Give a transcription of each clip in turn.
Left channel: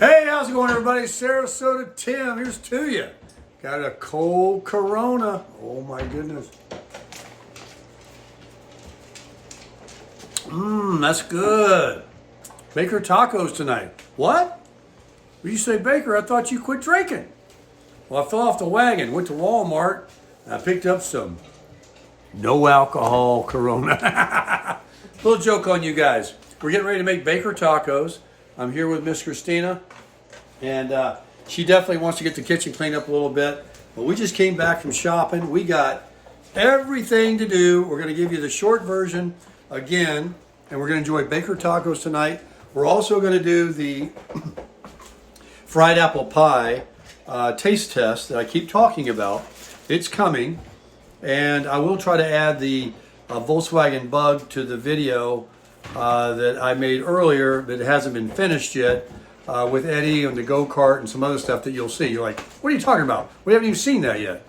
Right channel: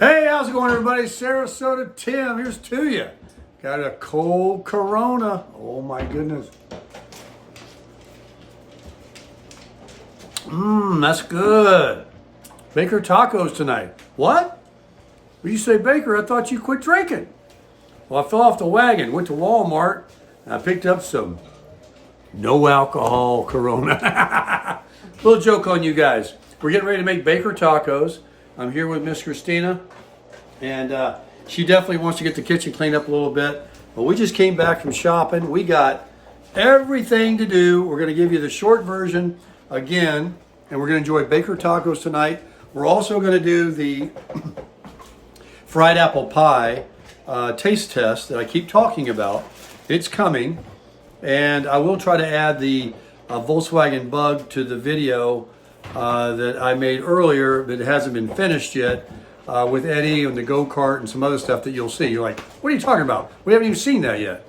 Hey, how's it going, everybody? Sarasota Tim, here's to you. Got a cold Corona. Oh my goodness. That's good. Baker tacos tonight. What? When you say Baker, I thought you quit drinking. Well, I fell off the wagon, went to Walmart, and I picked up some no alcohol Corona. Little joke on you guys. We're getting ready to make Baker tacos. I'm here with Miss Christina, and she definitely wants to get the kitchen cleaned up a little bit. But we just came back from shopping. We got everything to do. We're going to give you the short version again, and we're going to enjoy Baker tacos tonight. We're also going to do the fried apple pie taste test that I keep talking about. It's coming, and I will try to add the Volkswagen Bug to the video that I made earlier that hasn't been finished yet with Eddie and the go-kart and some other stuff that you'll see. You're like, what are you talking about? We haven't even seen that yet.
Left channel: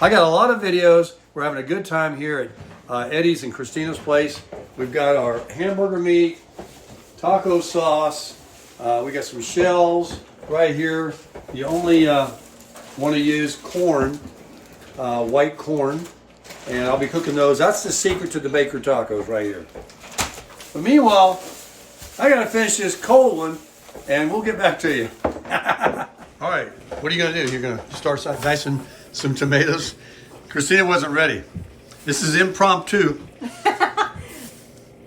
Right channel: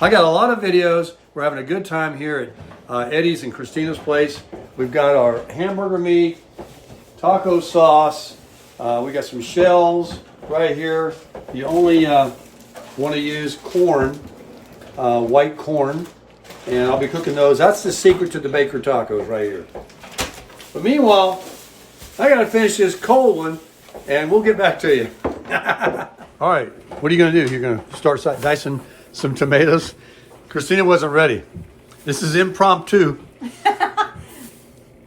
I got a lot of videos. We're having a good time here at Eddie's and Christina's place. We've got our hamburger meat, taco sauce. We got some shells right here. You only want to use corn, white corn, and I'll be cooking those. That's the secret to the Baker tacos right here. But meanwhile, I got to finish this cold one, and we'll get back to you. All right, what are you going to do? You're going to start dicing some tomatoes? Christina wasn't ready. This is impromptu.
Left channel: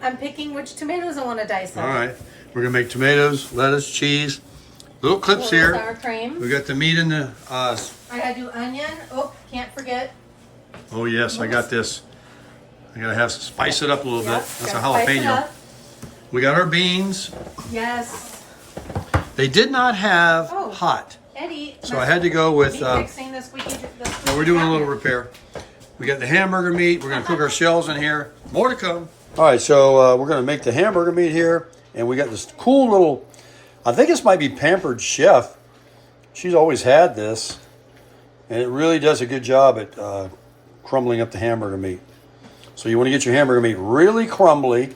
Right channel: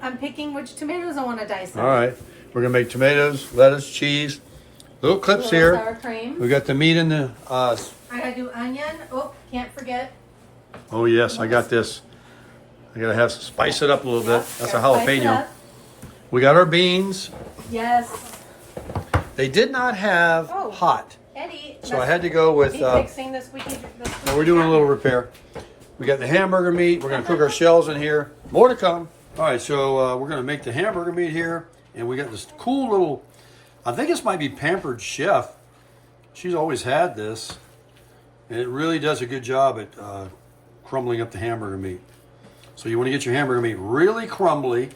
I'm picking which tomatoes I want to dice. All right, we're going to make tomatoes, lettuce, cheese, little clips here. Sour cream. We got the meat in the... I got to do onion. Oh, can't forget. Oh, yes, I got this. I got to have spice it up a little bit. That's a Gotta spice it jalapeno. up. We got our beans. Yes. They did not have hot. Eddie. So I had to go with, fixing this weekend. no, we're doing a little repair. We got the hamburger meat. We're going to cook our shells in here. More to come. All right, so we're going to make the hamburger meat here. And we got this cool little, I think this might be Pampered Chef. She's always had this. And it really does a good job at crumbling up the hamburger meat. So you want to get your hamburger meat really crumbly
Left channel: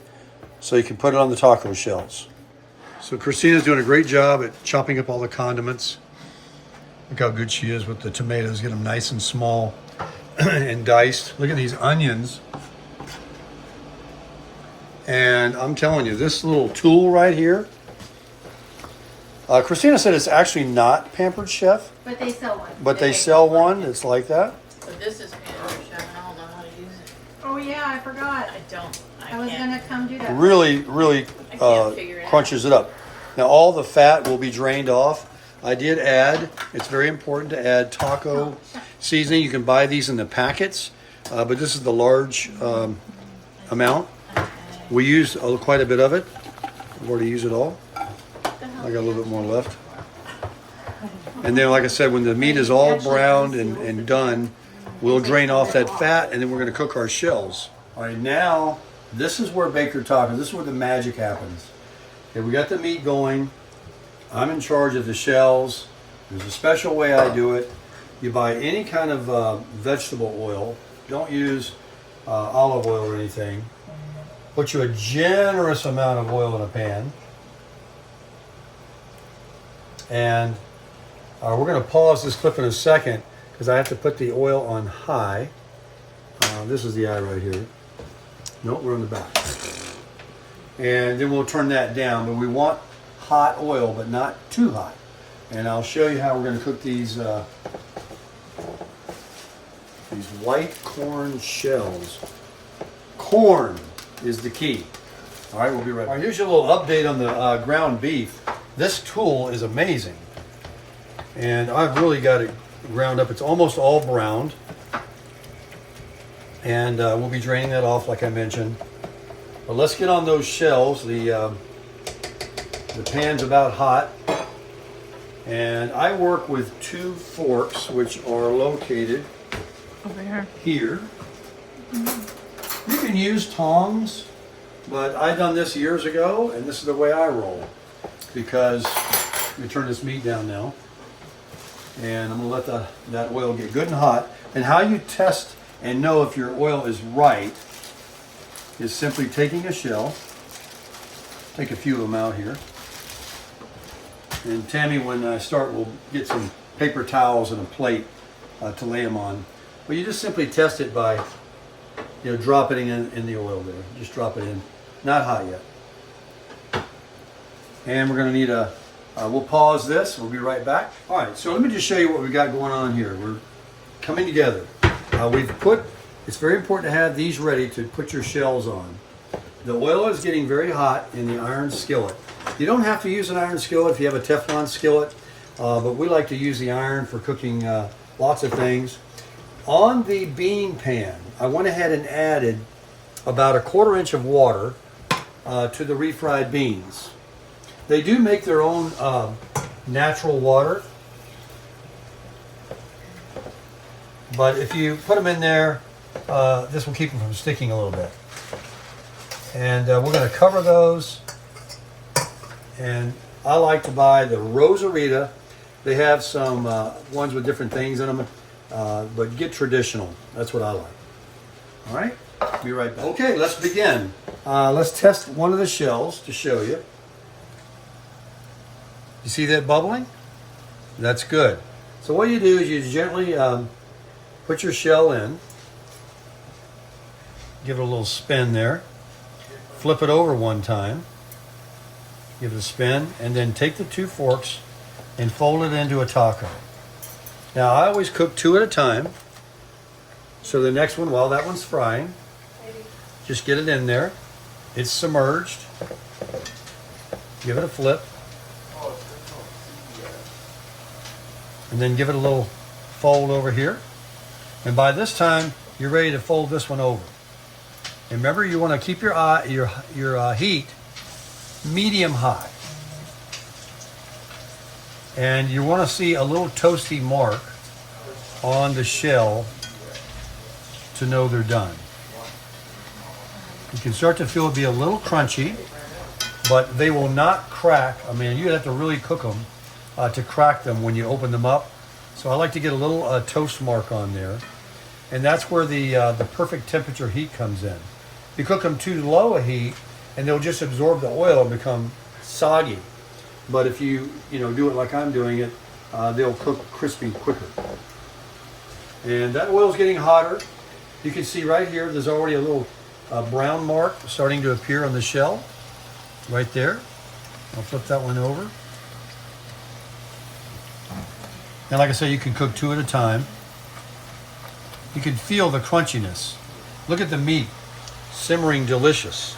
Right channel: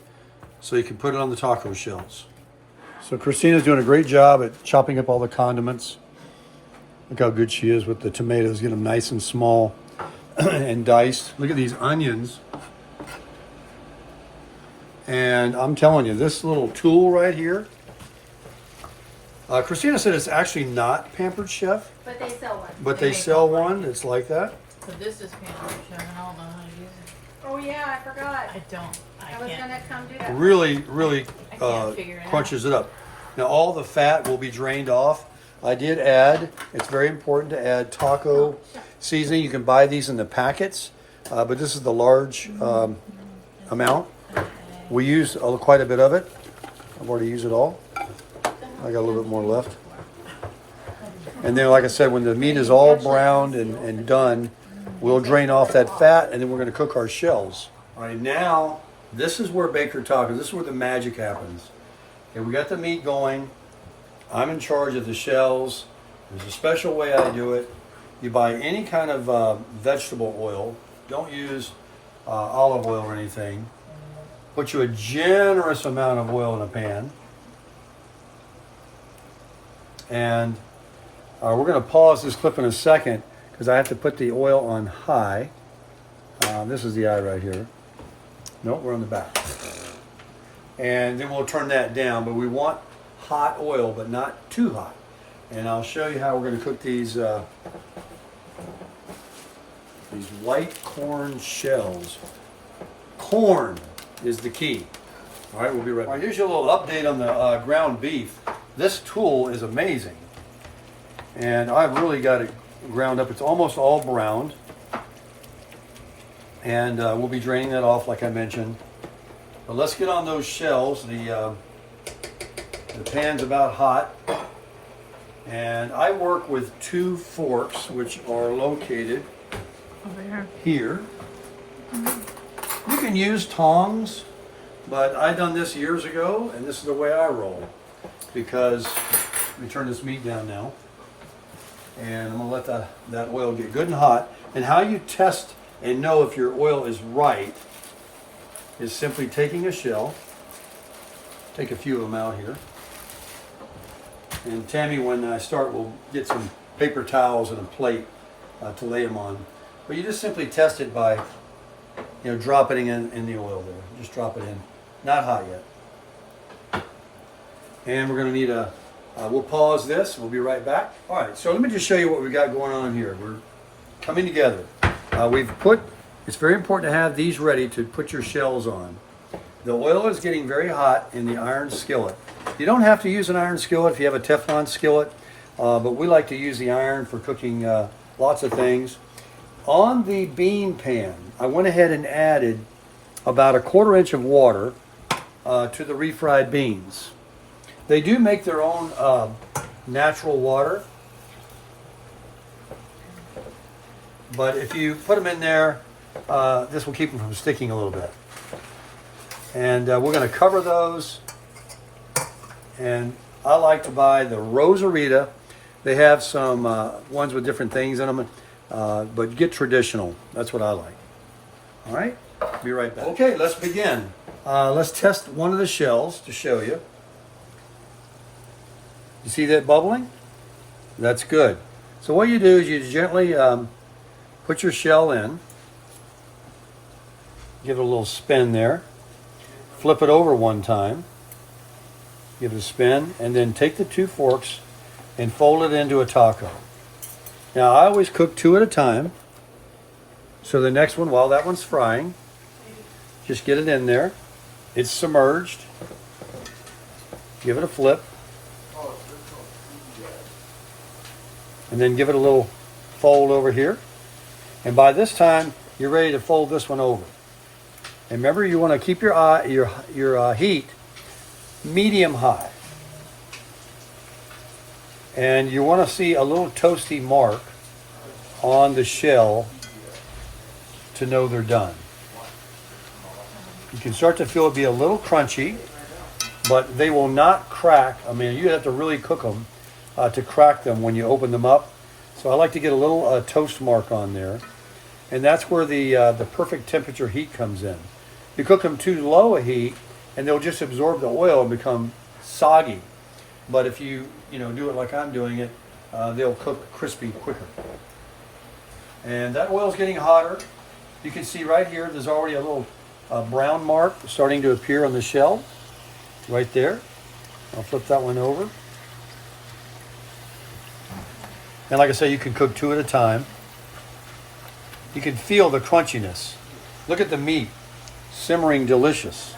so you can put it on the taco shells. So Christina's doing a great job at chopping up all the condiments. Look how good she is with the tomatoes. Get them nice and small and diced. Look at these onions. And I'm telling you, this little tool right here, Christina said it's actually not Pampered Chef, But they sell one. but they sell one that's like that. So this is Pampered Chef, and I don't know how to use it. Oh yeah, I forgot. I was can't. gonna come do that. Really figure it crunches it up. Now all the fat will be drained off. I did add, it's very important to add taco seasoning. You can buy these in the packets, but this is the large amount. We used quite a bit of it. I've already used it all. I got a little bit more left. And then, like I said, when the meat is all browned and done, we'll drain off that fat, and then we're going to cook our shells. All right, now, this is where Baker tacos, this is where the magic happens. Okay, we got the meat going. I'm in charge of the shells. There's a special way I do it. You buy any kind of vegetable oil. Don't use olive oil or anything. Put you a generous amount of oil in a pan. And we're going to pause this clip in a second because I have to put the oil on high. This is the eye right here. No, we're on the back. And then we'll turn that down. But we want hot oil, but not too hot. And I'll show you how we're going to cook these white corn shells. Corn is the key. All right, we'll be right back. All right, here's your little update on the ground beef. This tool is amazing. And I've really got it ground up. It's almost all browned. And we'll be draining that off like I mentioned. But let's get on those shells. The pan's about hot. And I work with 2 forks, which are located Over here. You can use tongs, but I done this years ago, and this is the way I roll. Because, let me turn this meat down now. And I'm gonna let that oil get good and hot. And how you test and know if your oil is right is simply taking a shell, take a few of them out here, And Tammy, when I start, will get some paper towels and a plate to lay them on. But you just simply test it by, dropping it in the oil there. Just drop it in. Not hot yet. And we're going to need we'll pause this. We'll be right back. All right, so let me just show you what we got going on here. We're coming together. It's very important to have these ready to put your shells on. The oil is getting very hot in the iron skillet. You don't have to use an iron skillet if you have a Teflon skillet, but we like to use the iron for cooking lots of things. On the bean pan, I went ahead and added about 1/4 inch of water to the refried beans. They do make their own natural water, but if you put them in there, this will keep them from sticking a little bit. And we're going to cover those. And I like to buy the Rosarita. They have some ones with different things in them, but get traditional. That's what I like. All right, be right back. Okay, let's begin. Let's test one of the shells to show you. You see that bubbling? That's good. So what you do is you gently put your shell in. Give it a little spin there. Flip it over one time. Give it a spin, and then take the 2 forks and fold it into a taco. Now I always cook 2 at a time. So the next one, while that one's frying, just get it in there. It's submerged. Give it a flip. And then give it a little fold over here. And by this time, you're ready to fold this one over. And remember, you want to keep your heat medium high. And you want to see a little toasty mark on the shell to know they're done. You can start to feel it be a little crunchy, but they will not crack. I mean, you have to really cook them to crack them when you open them up. So I like to get a little toast mark on there. And that's where the perfect temperature heat comes in. You cook them too low a heat, and they'll just absorb the oil and become soggy. But if you do it like I'm doing it, they'll cook crispy quicker. And that oil's getting hotter. You can see right here, there's already a little brown mark starting to appear on the shell, right there. I'll flip that one over. And like I say, you can cook 2 at a time. You can feel the crunchiness. Look at the meat, simmering delicious.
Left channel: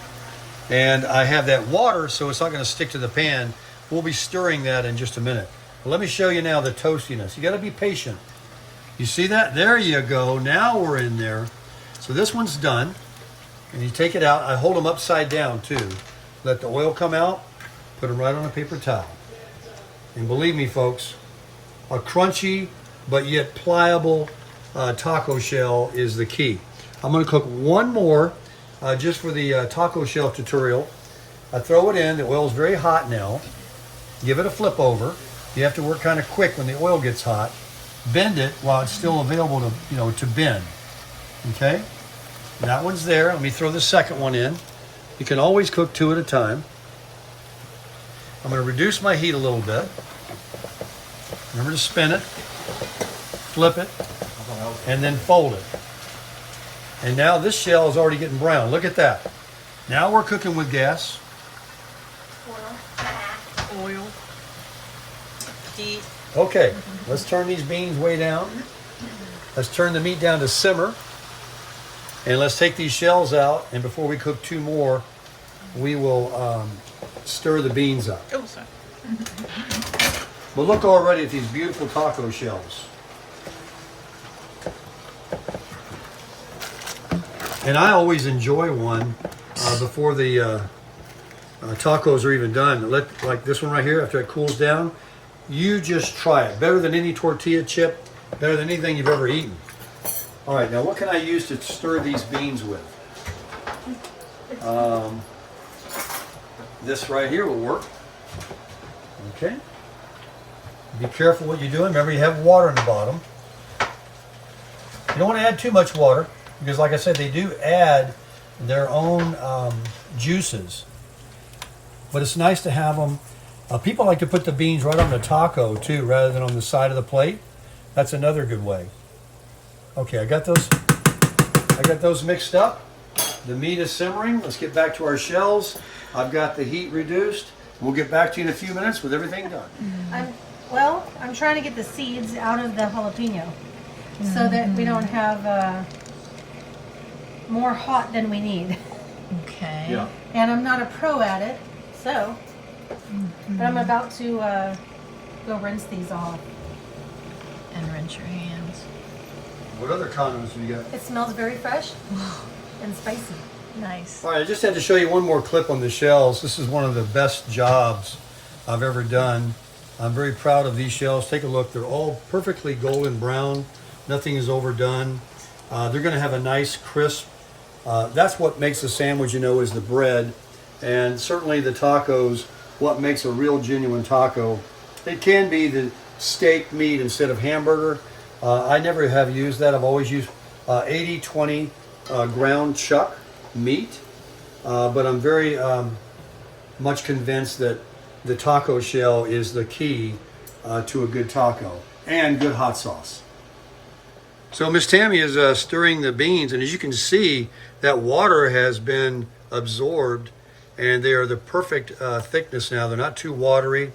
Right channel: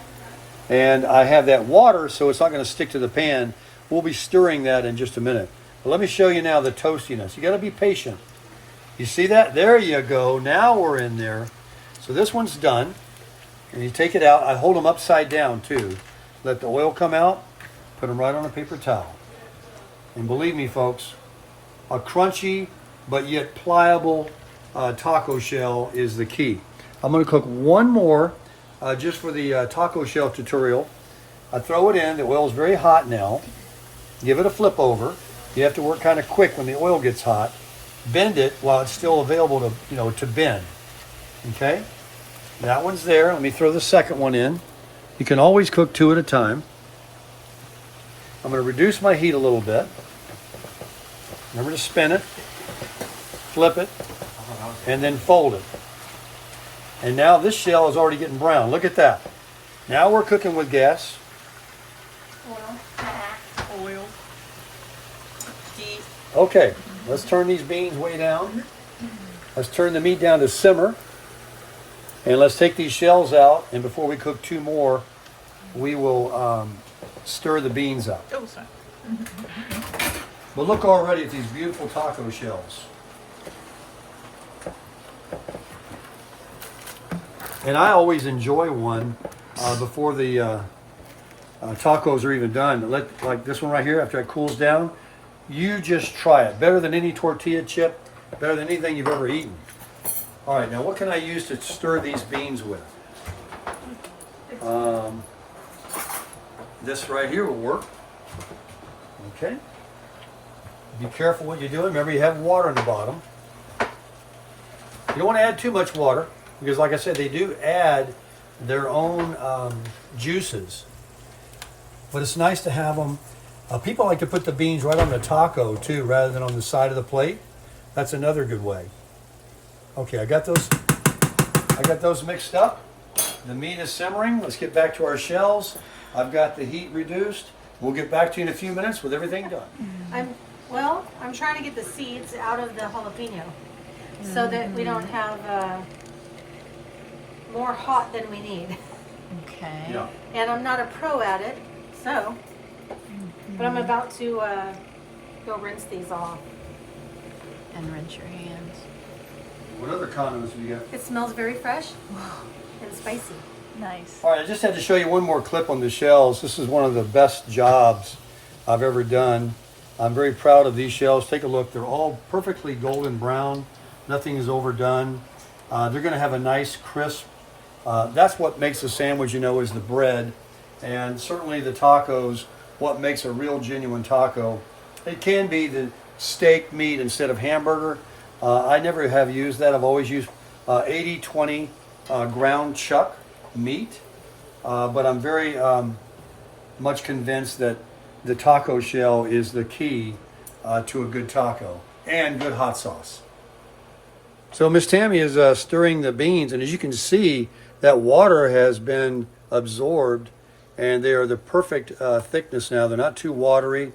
And I have that water, so it's not going to stick to the pan. We'll be stirring that in just a minute. But let me show you now the toastiness. You got to be patient. You see that? There you go. Now we're in there. So this one's done. And you take it out. I hold them upside down too. Let the oil come out. Put them right on a paper towel. And believe me, folks, a crunchy but yet pliable taco shell is the key. I'm going to cook one more just for the taco shell tutorial. I throw it in. The oil is very hot now. Give it a flip over. You have to work kind of quick when the oil gets hot. Bend it while it's still available to bend. Okay? That one's there. Let me throw the second one in. You can always cook 2 at a time. I'm going to reduce my heat a little bit. Remember to spin it, flip it, and then fold it. And now this shell is already getting brown. Look at that. Now we're cooking with gas. Oil. Heat. Okay, let's turn these beans way down. Let's turn the meat down to simmer. And let's take these shells out. And before we cook 2 more, we will stir the beans up. Oh, sorry. But look already at these beautiful taco shells. And I always enjoy one before the tacos are even done. Like this one right here, after it cools down, you just try it. Better than any tortilla chip, better than anything you've ever eaten. All right, now what can I use to stir these beans with? This right here will work. Okay. Be careful what you're doing. Remember, you have water in the bottom. You don't want to add too much water because, like I said, they do add their own juices. But it's nice to have them People like to put the beans right on the taco too, rather than on the side of the plate. That's another good way. Okay, I got those mixed up. The meat is simmering. Let's get back to our shells. I've got the heat reduced. We'll get back to you in a few minutes with everything done. I'm trying to get the seeds out of the jalapeno so that we don't have more hot than we need. Okay. Yeah. And I'm not a pro at it, so. But I'm about to go rinse these off. And rinse your hands. What other condiments do you got? It smells very fresh and spicy. Nice. All right, I just had to show you one more clip on the shells. This is one of the best jobs I've ever done. I'm very proud of these shells. Take a look. They're all perfectly golden brown. Nothing is overdone. They're going to have a nice crisp. That's what makes a sandwich, is the bread. And certainly the tacos, what makes a real genuine taco. It can be the steak meat instead of hamburger. I never have used that. I've always used 80-20 ground chuck meat. But I'm very much convinced that the taco shell is the key to a good taco and good hot sauce. So Miss Tammy is stirring the beans, and as you can see, that water has been absorbed, and they are the perfect thickness now. They're not too watery,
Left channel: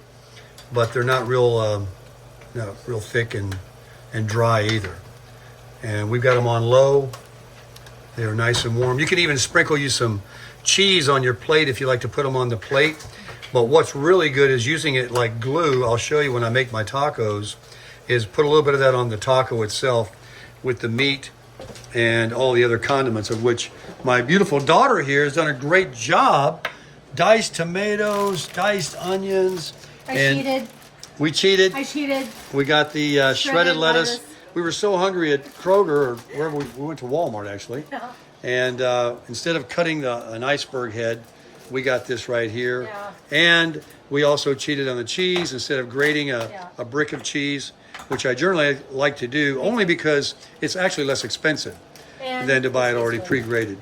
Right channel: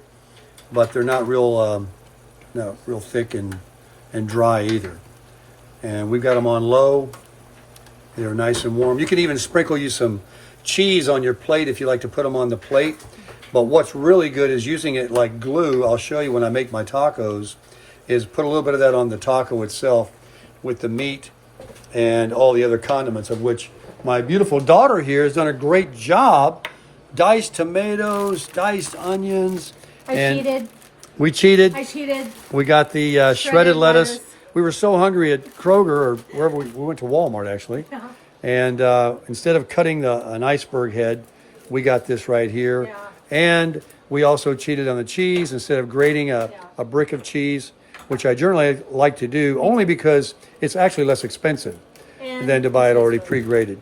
but they're not real thick and dry either. And we've got them on low. They are nice and warm. You can even sprinkle you some cheese on your plate if you like to put them on the plate. But what's really good is using it like glue. I'll show you when I make my tacos, is put a little bit of that on the taco itself with the meat and all the other condiments, of which my beautiful daughter here has done a great job. Diced tomatoes, diced onions. I cheated. We cheated. I cheated. We got the shredded lettuce. We were so hungry at Kroger, or wherever we went to Walmart actually. Uh-huh. And instead of cutting an iceberg head, we got this right here. Yeah. And we also cheated on the cheese. Instead of grating a brick of cheese, which I generally like to do, only because it's actually less expensive than to buy it already pre-grated.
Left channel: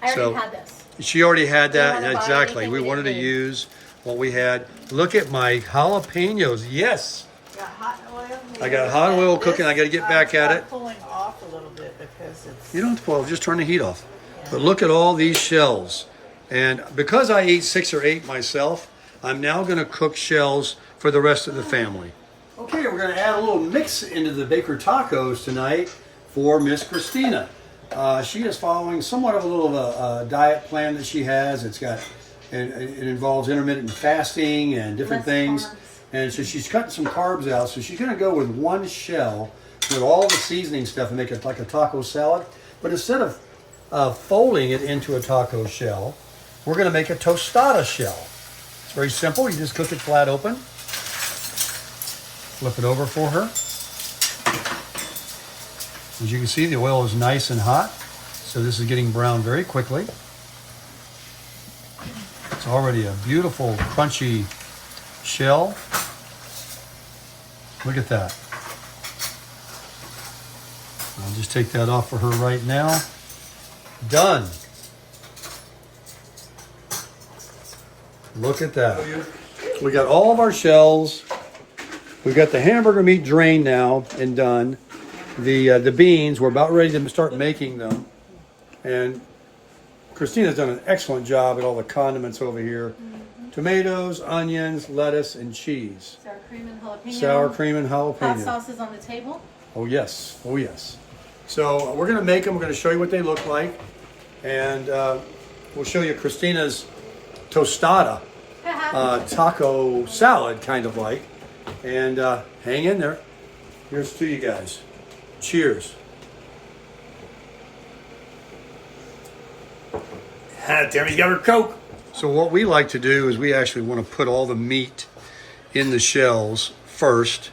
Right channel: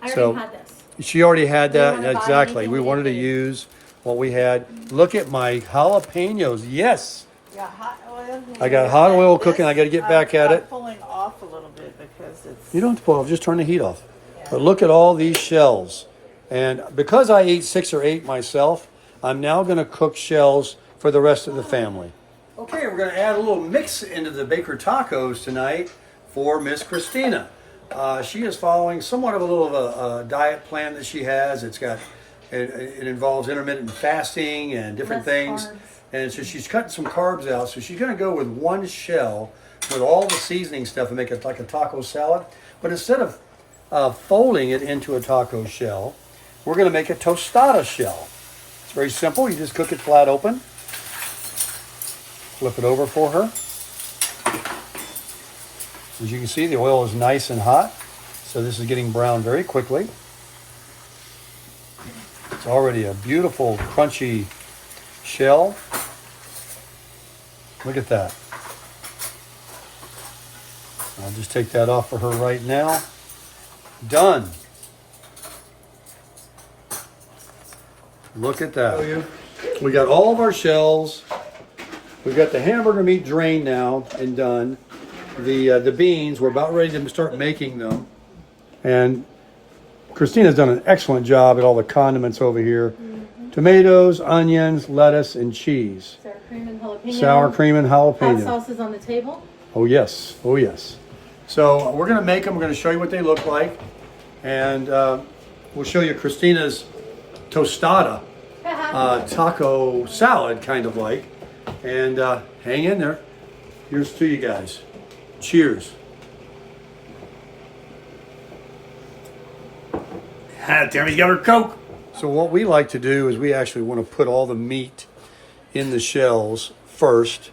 I already had this. She already had We that. didn't wanna buy Exactly. anything We we wanted to didn't need. use what we had. Look at my jalapenos. Yes. Yeah, hot oil. I got hot oil cooking. I got to get back at it. Pulling off a little bit because it's. You don't have to pull off, just turn the heat off. But look at all these shells. And because I ate 6 or 8 myself, I'm now going to cook shells for the rest of the family. Okay, we're going to add a little mix into the Baker tacos tonight for Miss Christina. She is following somewhat of a little of a diet plan that she has. It involves intermittent fasting and different Less things. carbs. And so she's cutting some carbs out. So she's going to go with one shell with all the seasoning stuff and make it like a taco salad. But instead of folding it into a taco shell, we're going to make a tostada shell. It's very simple. You just cook it flat open. Flip it over for her. As you can see, the oil is nice and hot. So this is getting brown very quickly. It's already a beautiful, crunchy shell. Look at that. I'll just take that off for her right now. Done. Look at that. We got all of our shells. We've got the hamburger meat drained now and done. The beans, we're about ready to start making them. And Christina's done an excellent job at all the condiments over here. Mm-hmm. Tomatoes, onions, lettuce, and cheese. Sour cream and jalapeno. Sour cream and jalapeno. Hot sauce is on the table. Oh yes, oh yes. So we're gonna make them. We're gonna show you what they look like, and we'll show you Christina's tostada taco salad, kind of like. And hang in there. Here's to you guys. Cheers. Tammy's got her Coke. So what we like to do is we actually want to put all the meat in the shells first,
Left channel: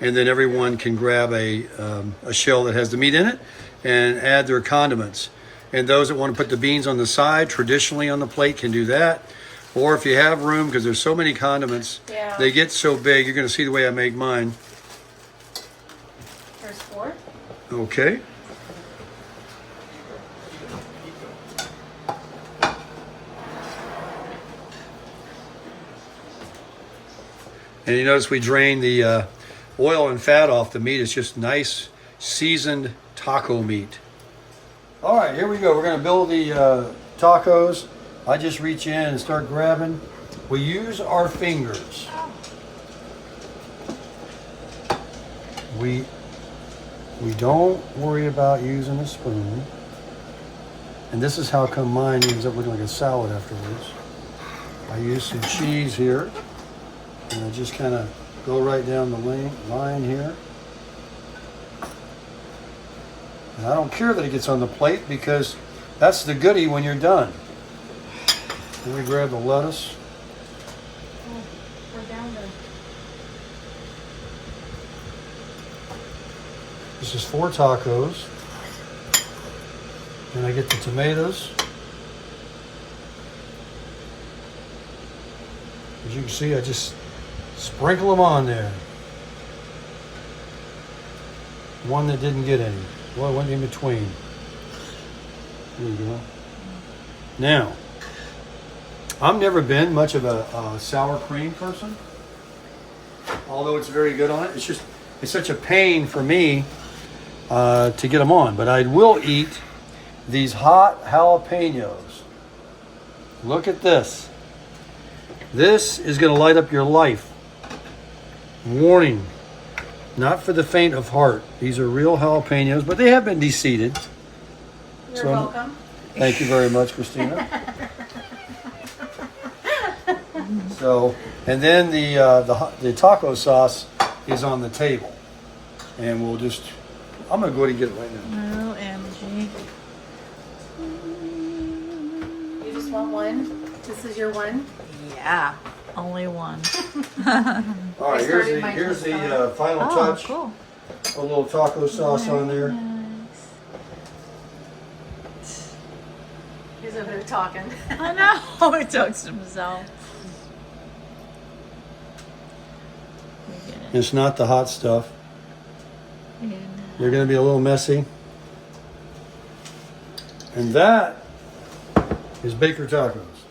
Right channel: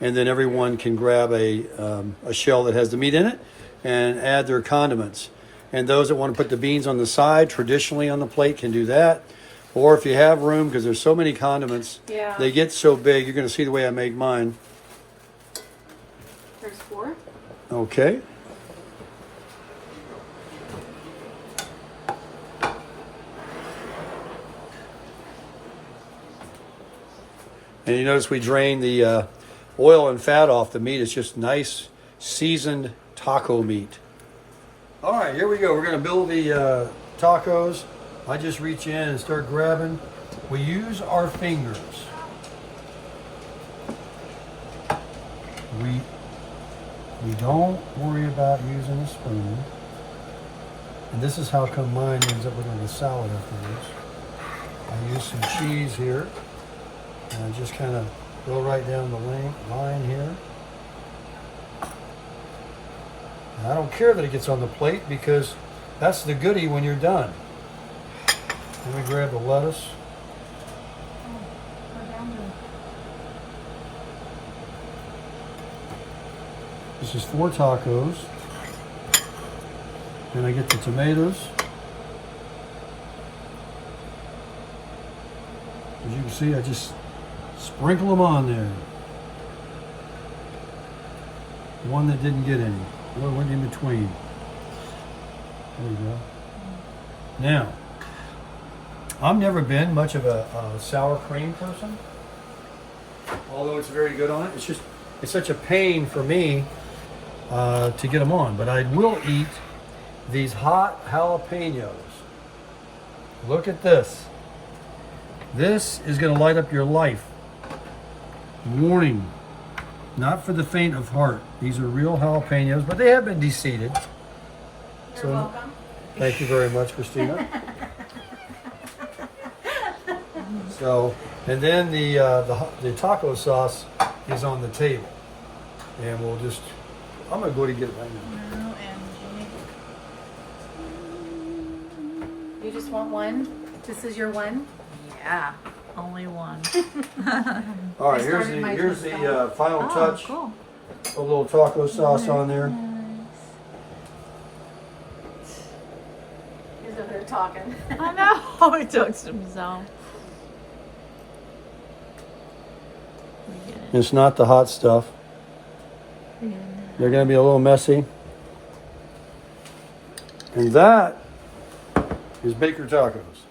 and then everyone can grab a shell that has the meat in it and add their condiments. And those that want to put the beans on the side, traditionally on the plate, can do that. Or if you have room, because there's so many condiments, they get so big. You're going to see the way I make mine. There's 4. Okay. And you notice we drain the oil and fat off the meat. It's just nice seasoned taco meat. All right, here we go. We're going to build the tacos. I just reach in and start grabbing. We use our fingers. We don't worry about using a spoon. And this is how come mine ends up looking like a salad afterwards. I use some cheese here. And I just kind of go right down the line here. And I don't care that it gets on the plate because that's the goodie when you're done. Then we grab the lettuce. This is 4 tacos. And I get the tomatoes. As you can see, I just sprinkle them on there. One that didn't get any. Well, I went in between. There you go. Now, I've never been much of a sour cream person, although it's very good on it. It's such a pain for me to get them on, but I will eat these hot jalapenos. Look at this. This is going to light up your life. Warning, not for the faint of heart. These are real jalapenos, but they have been de-seeded. You're welcome. Thank you very much, Christina. So, and then the taco sauce is on the table, and we'll just. I'm gonna go ahead and get it right now. No energy. You just want one? This is your one? Yeah, only one. All right, here's the final Oh, touch. cool. A little taco sauce on there. He's over there talking. I know. He talks to himself. We get it. It's not the hot stuff. They're gonna be a little messy. And that is Baker Tacos.